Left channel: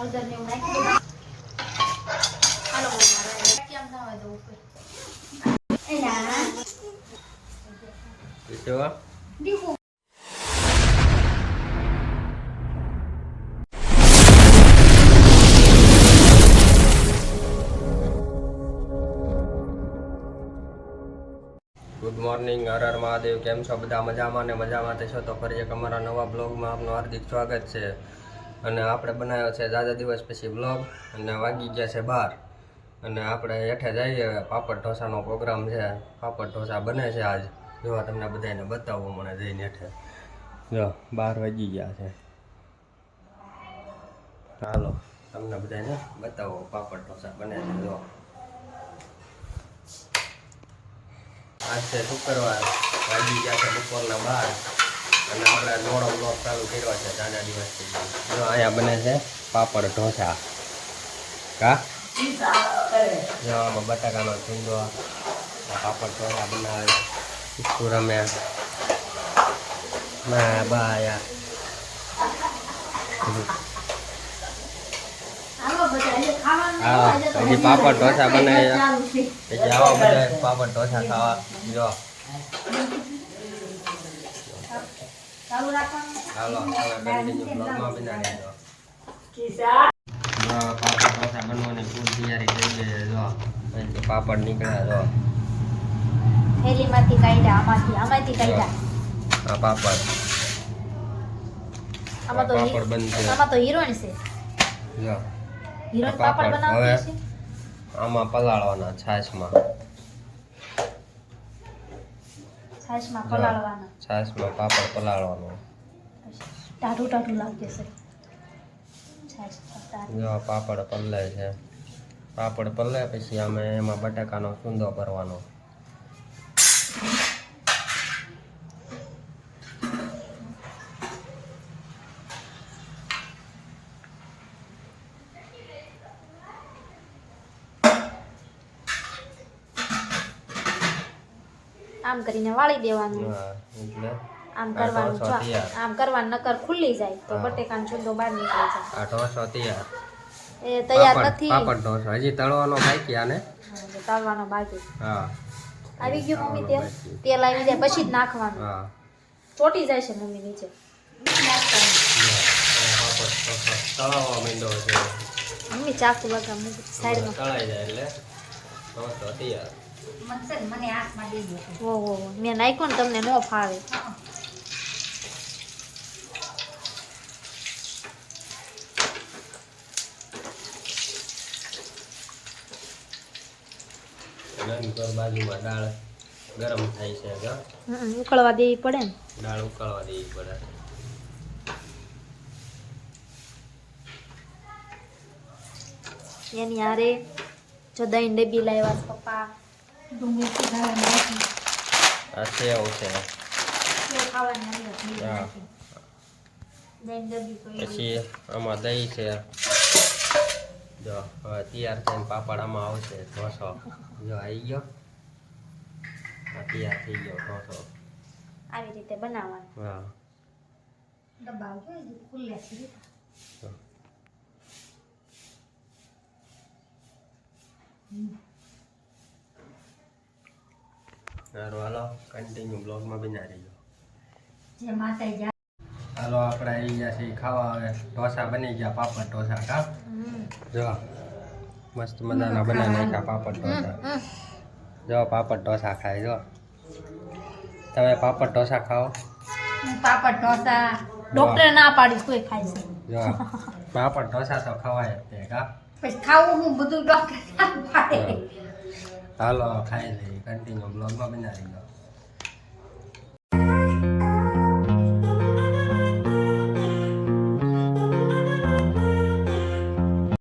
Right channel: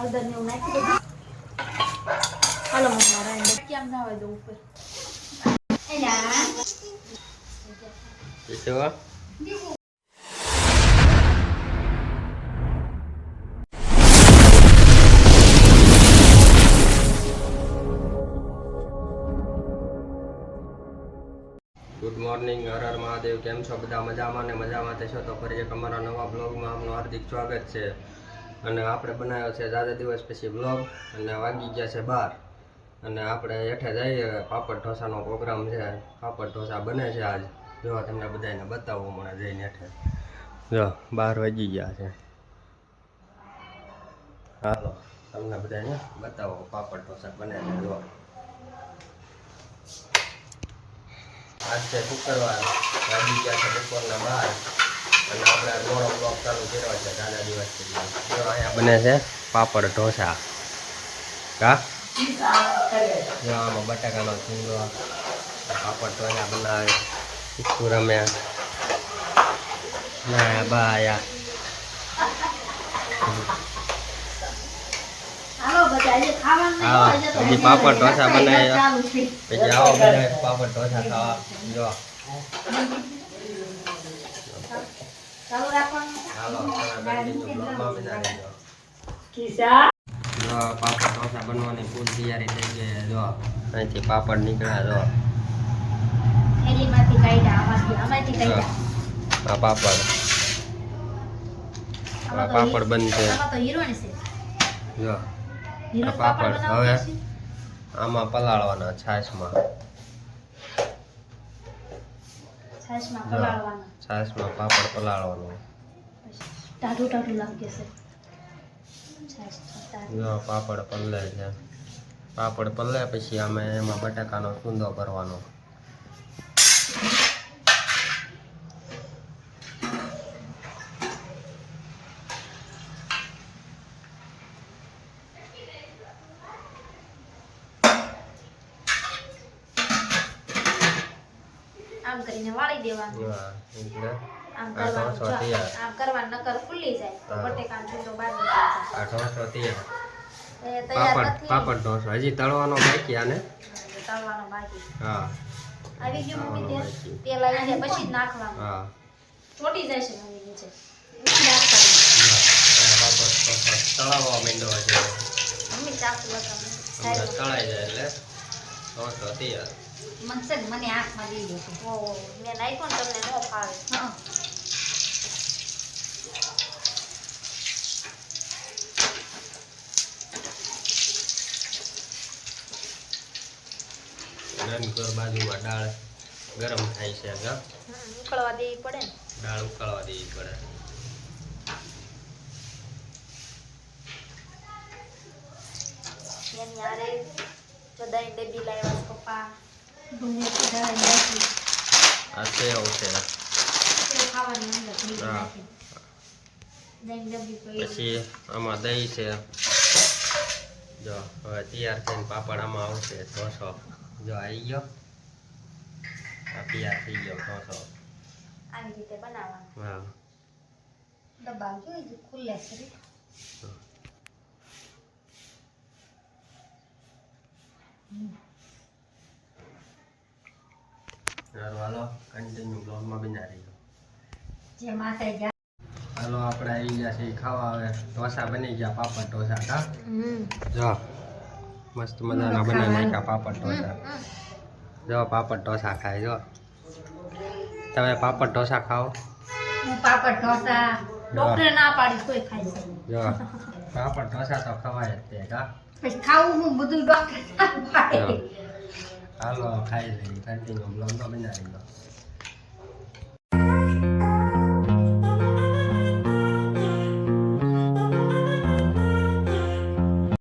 હળદર ને એવું નાખી દો. હાલો મારા કેમ જાવ દો ઉપર એલા કેવા દીકુ ગુડ મોર્નિંગ, હર હર મહાદેવ. કેમ છો બધા? મજામાં ને મજામાં છો તો ફરી એક અમારા નવા બ્લોગમાં આપનું હાર્દિક સ્વાગત છે. અને આપણે બનાવ્યો છે જાજા દિવસ પછી બ્લોગ અને વાગી ગયા છે 12 અને આપણે હેઠે જઈએ. પાપડ ઢોસાનો પ્રોગ્રામ છે. પાપડ ઢોસા બને છે આજ. જોવા તમને બધાને બતાવું મને જઈને હેઠે. જો 12 વાગી ગયા છે. હાલો તમને બધાને બતાવો પાપડ ઢોસા બને છે. જો આજ છે શુક્રવાર, વાગી ગયા છે બપોરના 12 અને આપણે મોડો બ્લોગ ચાલુ કર્યો છે જાજા દિવસ પછી. જો અહીંયા બને છે પાપડ ઢોસા. કા જો આમાં બટાકાનો ચૂંદો, પાપડ ઢોસા બનાવે રમ્યા ના બાયા. હા હજી પાપડ ઢોસા બનાવ્યા પછી આવો બધા પાપડ ઢોસા ખાવા. જો હાલો તમે કન્ટિન્યુ બ્લોગમાં બનાવી દો. જો પાપડ ઢોસા બનવાની ફૂલ તૈયારી થઈ ગઈ છે. જો અહીંથી પાપડ નીકળ્યા. જો થેલીમાંથી કાઢ્યા, આમાંથી કાઢ્યા. આ પાપડ પાપડ બનશે. આમાં તો હિરોઈન છે. જો આ પાપડ હવે આમાં પલાળવાના છાશમાં. છાશમાં પલાળવાના. છાશમાં પાપડ પલાળવાનો. ટાઢું ટાઢું લાગે છે. જો પાપડ પલળે છે. પાપડ પલળે પછી અમે એમાં બટાકાનો ચૂંદો ભરવાનો. આમ કરીને વાળી દેવાનું. હા એટલે આમ આ કરવાનું. ઢોસો તૈયાર. આમ કરવાનું નકર ખુલ્લી જાય તો બટેકાનો ચૂંદો બહાર નીકળી જાય. આ ઢોસો તૈયાર. એ તૈયાર પાપડ નથી. પાપડ ઢોસો હજી તળવાનો બાકી. આને તળવાનો બાકી. હા આવી ગયું મમ્મી તેલ? તેલ આવી જાય પછી જ નાખવાનું. હા ચોટી જાય છે મમ્મી નીચે. પાપડ ઢોસો તળાવવા માંડ્યો છે. મમ્મી ચાકુ લગાવ. હમણાં તળાઈ જાય એટલે ઢોસો તૈયાર. મને આંખમાં દઈ દે. ઓહો મેં નાખ્યો ને તમને ન ફાવે. ઘર બાજુમાં દાળ ગરમ થાય છે. ઉકળવા દેવી પડે ને. દાળ ઉકાળવા દેવી પડે. એની હારે જો દહીં ડબ્બી લાવ્યા પપ્પા. આ સેવ છે. ખાવાની અંદર હા. દહીં ડબ્બી પડી. પછી આમાં દહીં છે. જો હવે તૈયાર થઈને પાપડ આમાં આવશે. ઢોસો જો આવી ગયો. આ તૈયાર થઈ ગયો ઢોસો. આવી રીતે બનાવવાનું. હા ડબ્બા જો ખુલ્લે છે. સારું હાલો કન્ટિન્યુ બ્લોગમાં બના રહીજો. જે માતા જા. હાલો આપણે આવી ગયા છે ખાવા. હવે ઢોસા બની ગયા. પાપડ ઢોસા કા જો મસ્ત મજાના બનાવી નાખ્યા પાપડ ઢોસા. જો પાપડ ઢોસા ખાય. જો તમે પાપડ ઢોસા ખાઓ? હું પાપડ ઢોસા ડોક્ટર ના પાડી કોઈ ખાય છે. જો પાપડ ઢોસા તો ખવાય જ તે કા. પછી ખાવું હું બધું ડોક્ટર ના પાડે. હાલો ખાઈ લઈએ. કન્ટિન્યુ બ્લોગમાં બનાવી દો.